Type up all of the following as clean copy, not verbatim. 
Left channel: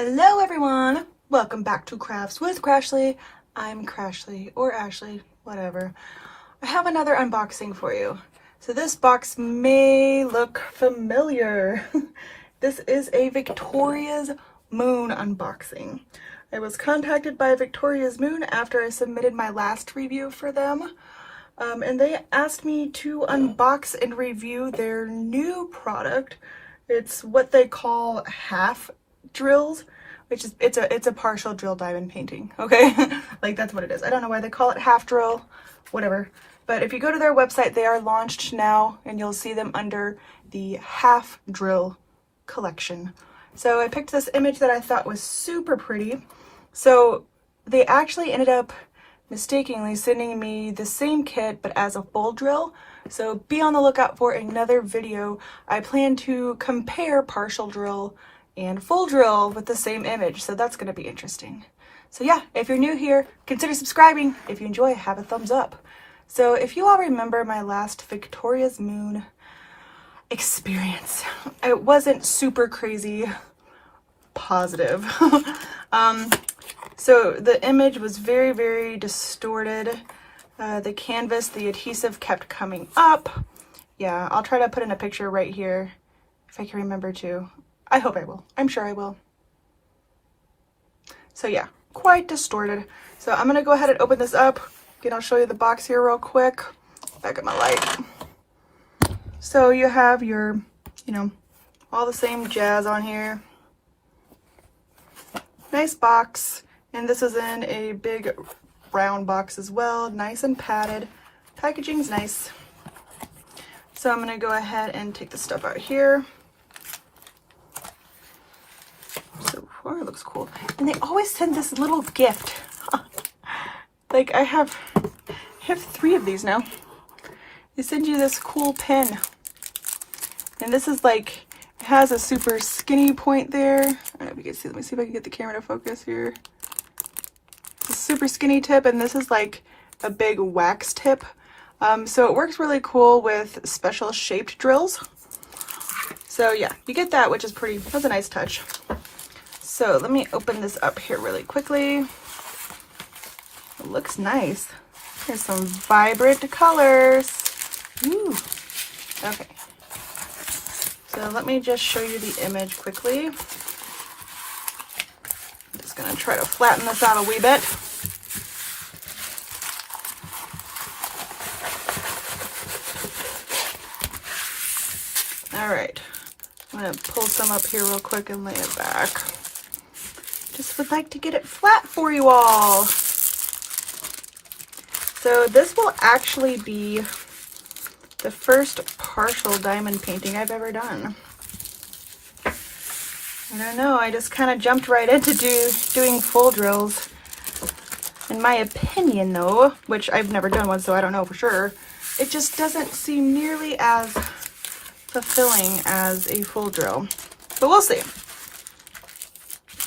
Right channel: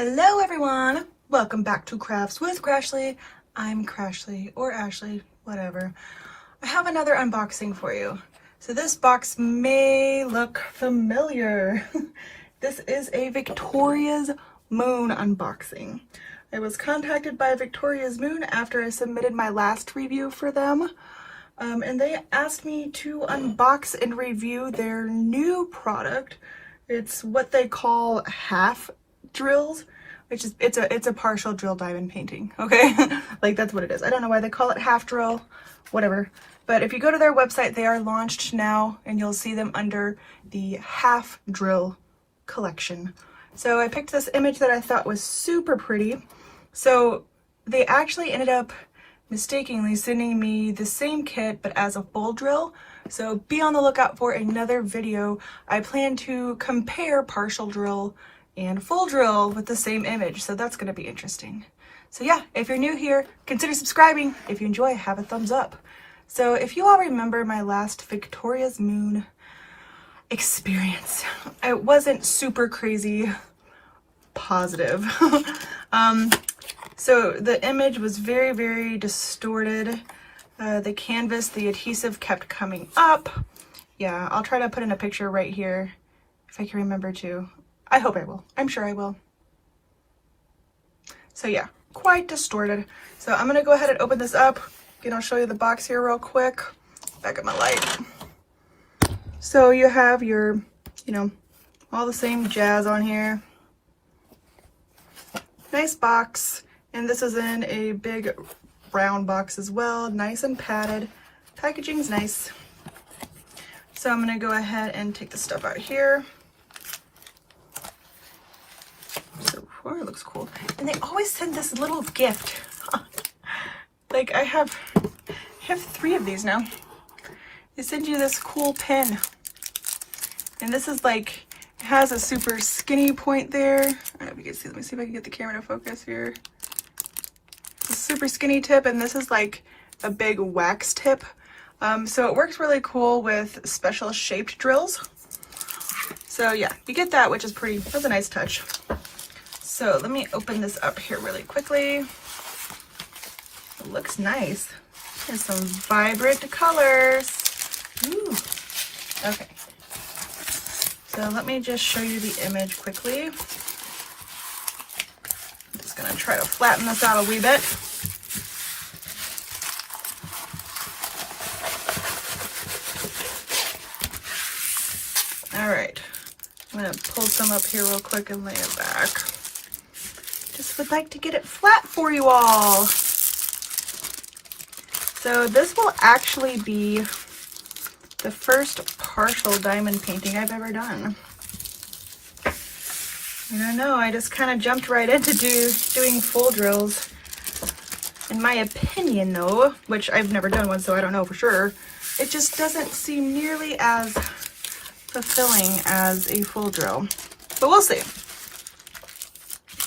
Hello everyone, welcome back to Crafts with Crashly. I'm Crashly, or Ashley, whatever. I have another unboxing for you. So this box may look familiar. This is a Victoria's Moon unboxing. I was contacted by Victoria's Moon after I submitted my last review for them. And they asked me to unbox and review their new product. It's what they call half drills, which is it's a partial drill diamond painting, okay? Like, that's what it is. I don't know why they call it half drill, whatever. But if you go to their website, they are launched now, and you'll see them under the half drill collection. So I picked this image that I thought was super pretty. So they actually ended up mistakenly sending me the same kit but as a full drill. So be on the lookout for another video. I plan to compare partial drill and full drill with the same image, so that's going to be interesting. So yeah, if you're new here, consider subscribing. If you enjoy, have a thumbs up. So if you all remember my last Victoria's Moon experience, it wasn't super crazy positive. So the image was very, very distorted. The canvas, the adhesive kept coming up. Yeah, I'll try to put in a picture right here if I can remember to. I hope I will. I'm sure I will. So yeah, quite distorted. So I'm gonna go ahead and open this up. Again, I'll show you the box here real quick. Back up my light. So you have your, all the same jazz on here. Nice box. And this is in a big brown box as well. Nice and padded. Packaging's nice. So I'm gonna go ahead and take the stuff out here. So far it looks cool. And they always send this little gift. Like I have 3 of these now. They send you this cool pin. And this is like, it has a super skinny point there. I don't know if you can see, let me see if I can get the camera to focus here. A super skinny tip, and this is like a big wax tip. So it works really cool with special shaped drills. So yeah, you get that, which is pretty, that's a nice touch. So let me open this up here really quickly. It looks nice. There's some vibrant colors. Ooh. Okay. So let me just show you the image quickly. I'm just gonna try to flatten this out a wee bit. All right, I'm gonna pull some up here real quick and lay it back. Just would like to get it flat for you all. So this will actually be the first partial diamond painting I've ever done. I don't know, I just kind of jumped right into doing full drills. In my opinion though, which I've never done one so I don't know for sure, it just doesn't seem nearly as fulfilling as a full drill. But we'll see.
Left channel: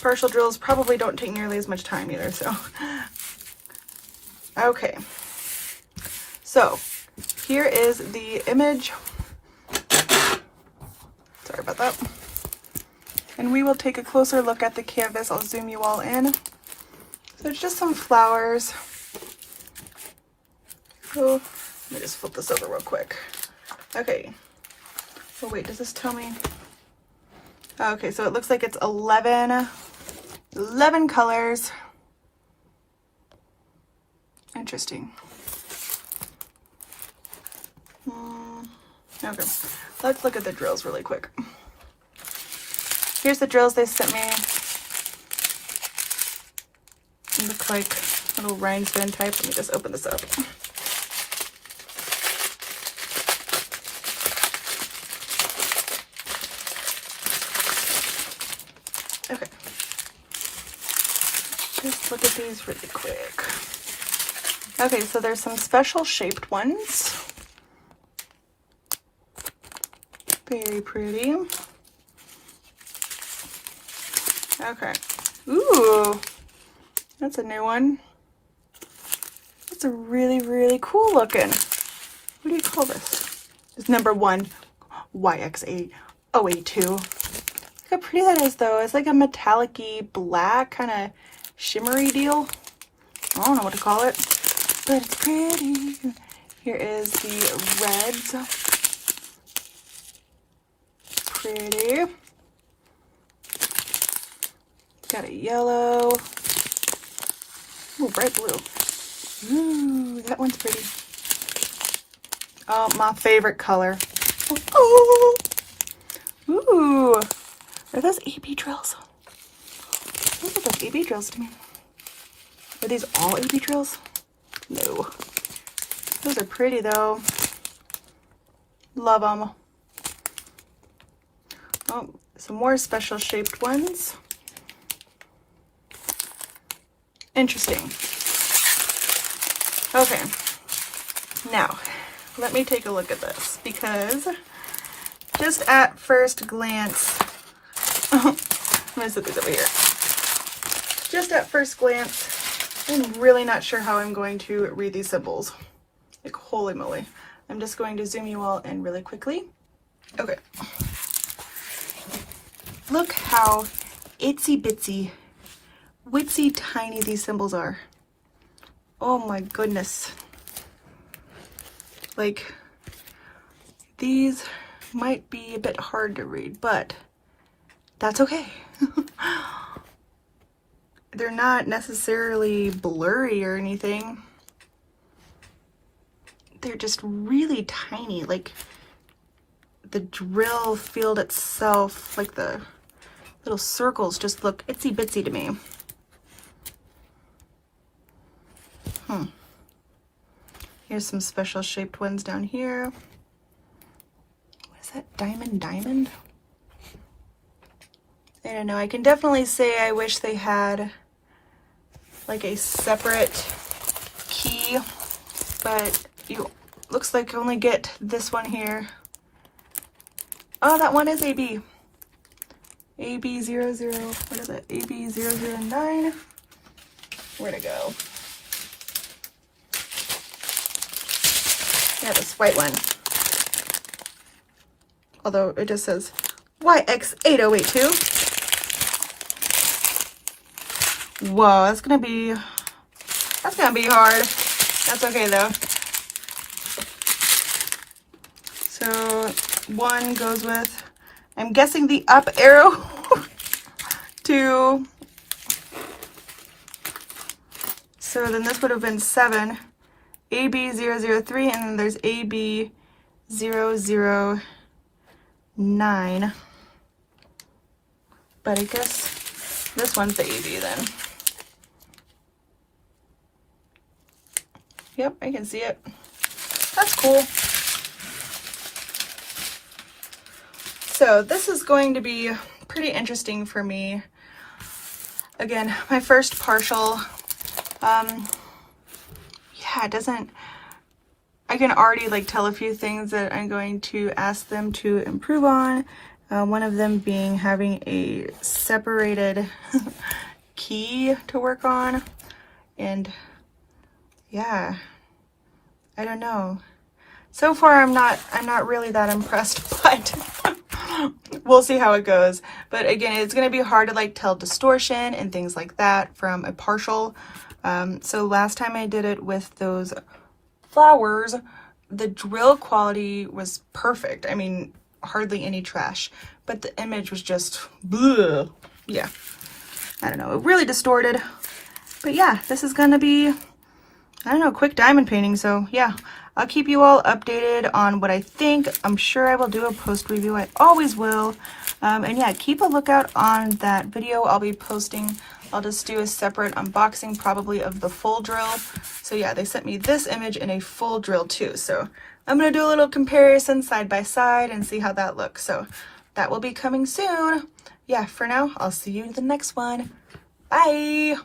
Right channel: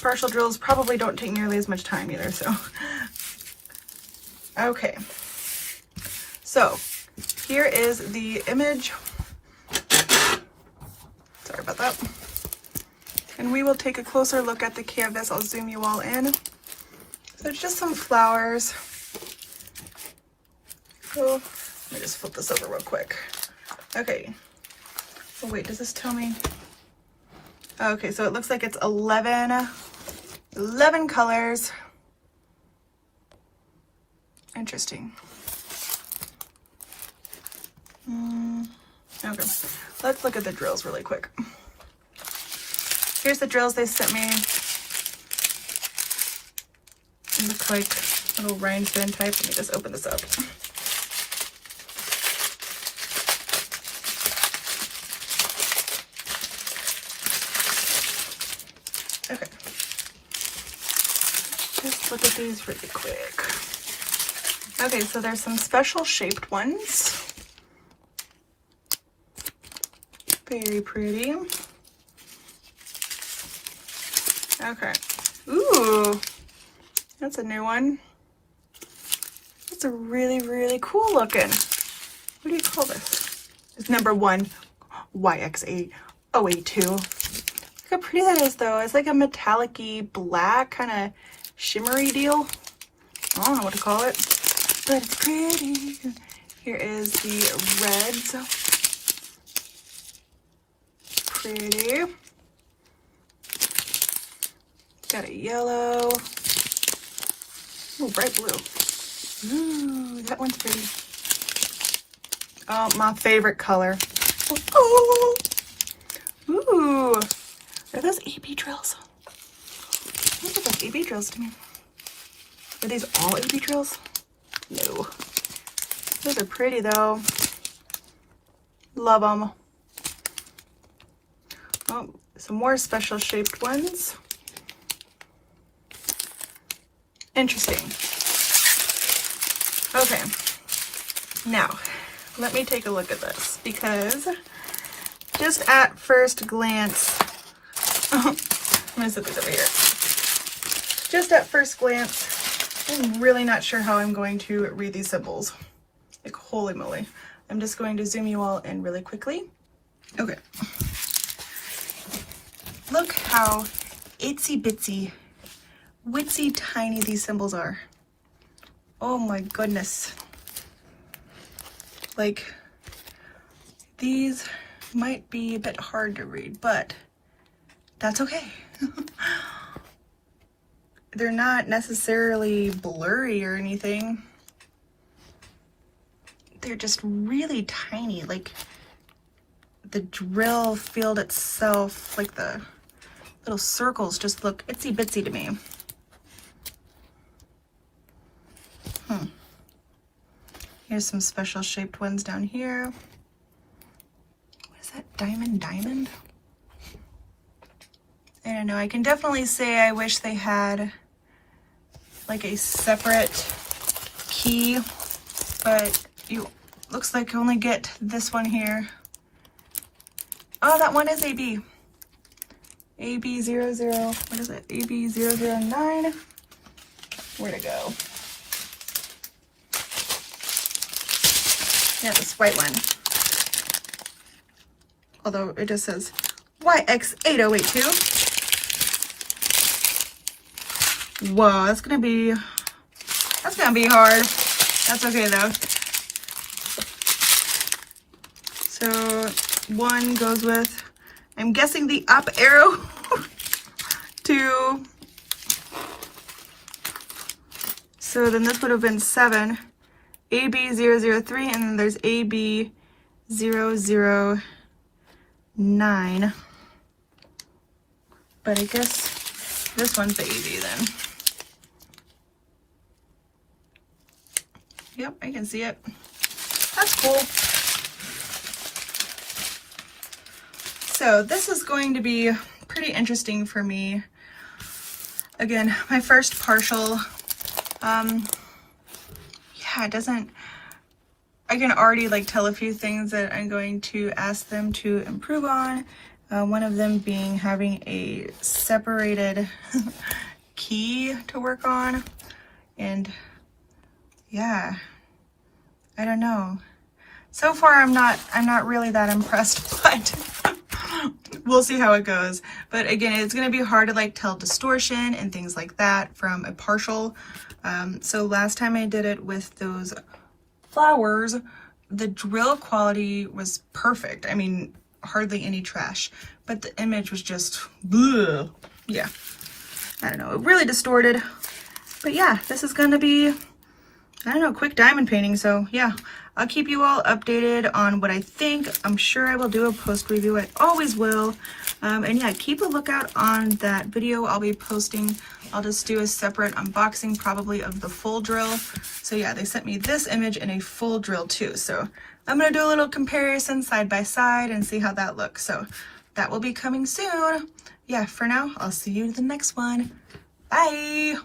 Partial drills probably don't take nearly as much time either, so. Okay. So, here is the image. Sorry about that. And we will take a closer look at the canvas. I'll zoom you all in. So it's just some flowers. So, let me just flip this over real quick. Okay. Oh wait, does this tell me? Okay, so it looks like it's 11 colors. Interesting. Okay, let's look at the drills really quick. Here's the drills they sent me. They look like little rhinestone type. Let me just open this up. Okay. Just look at these really quick. Okay, so there's some special shaped ones. Very pretty. Okay. Ooh, that's a new one. That's a really, really cool looking. What do you call this? It's number 1 YXA082. how pretty that is though. It's like a metallic-y black kind of shimmery deal. I don't know what to call it, but it's pretty. Here is the reds. Pretty. Got a yellow. Ooh, bright blue. Ooh, that one's pretty. Oh, my favorite color. Ooh. Ooh. Are those AB drills? Those look like AB drills to me. Are these all AB drills? No. Those are pretty though. Love them. Oh, some more special shaped ones. Interesting. Okay. Now, let me take a look at this because just at first glance, I'm gonna set these over here. Just at first glance, I'm really not sure how I'm going to read these symbols. Like, holy moly. I'm just going to zoom you all in really quickly. Okay. Look how itsy bitsy, witsy tiny these symbols are. Oh my goodness. Like, these might be a bit hard to read, but that's okay. They're not necessarily blurry or anything. They're just really tiny. Like, the drill field itself, like the little circles just look itsy bitsy to me. Here's some special shaped ones down here. What is that? Diamond? I don't know. I can definitely say I wish they had like a separate key, but looks like you only get this one here. Oh, that one is AB. AB00, what is it? AB009. Where'd it go? Yeah, this white one. Although it just says YX8082. Whoa, that's gonna be hard. That's okay though. So one goes with, I'm guessing, the up arrow to, so then this would have been 7. AB003, and then there's AB009. But I guess this one's the AB then. Yep, I can see it. That's cool. So this is going to be pretty interesting for me. Again, my first partial. Yeah, it doesn't, I can already like tell a few things that I'm going to ask them to improve on. One of them being having a separated key to work on. And yeah, I don't know. So far I'm not really that impressed, but we'll see how it goes. But again, it's going to be hard to like tell distortion and things like that from a partial. So last time I did it with those flowers, the drill quality was perfect. I mean, hardly any trash, but the image was just, bleh. Yeah, I don't know, it really distorted. But yeah, this is gonna be, I don't know, quick diamond painting. So yeah, I'll keep you all updated on what I think. I'm sure I will do a post review. I always will. And yeah, keep a lookout on that video I'll be posting. I'll just do a separate unboxing probably of the full drill. So yeah, they sent me this image in a full drill too. So I'm gonna do a little comparison side by side and see how that looks. So that will be coming soon. Yeah, for now, I'll see you in the next one. Bye.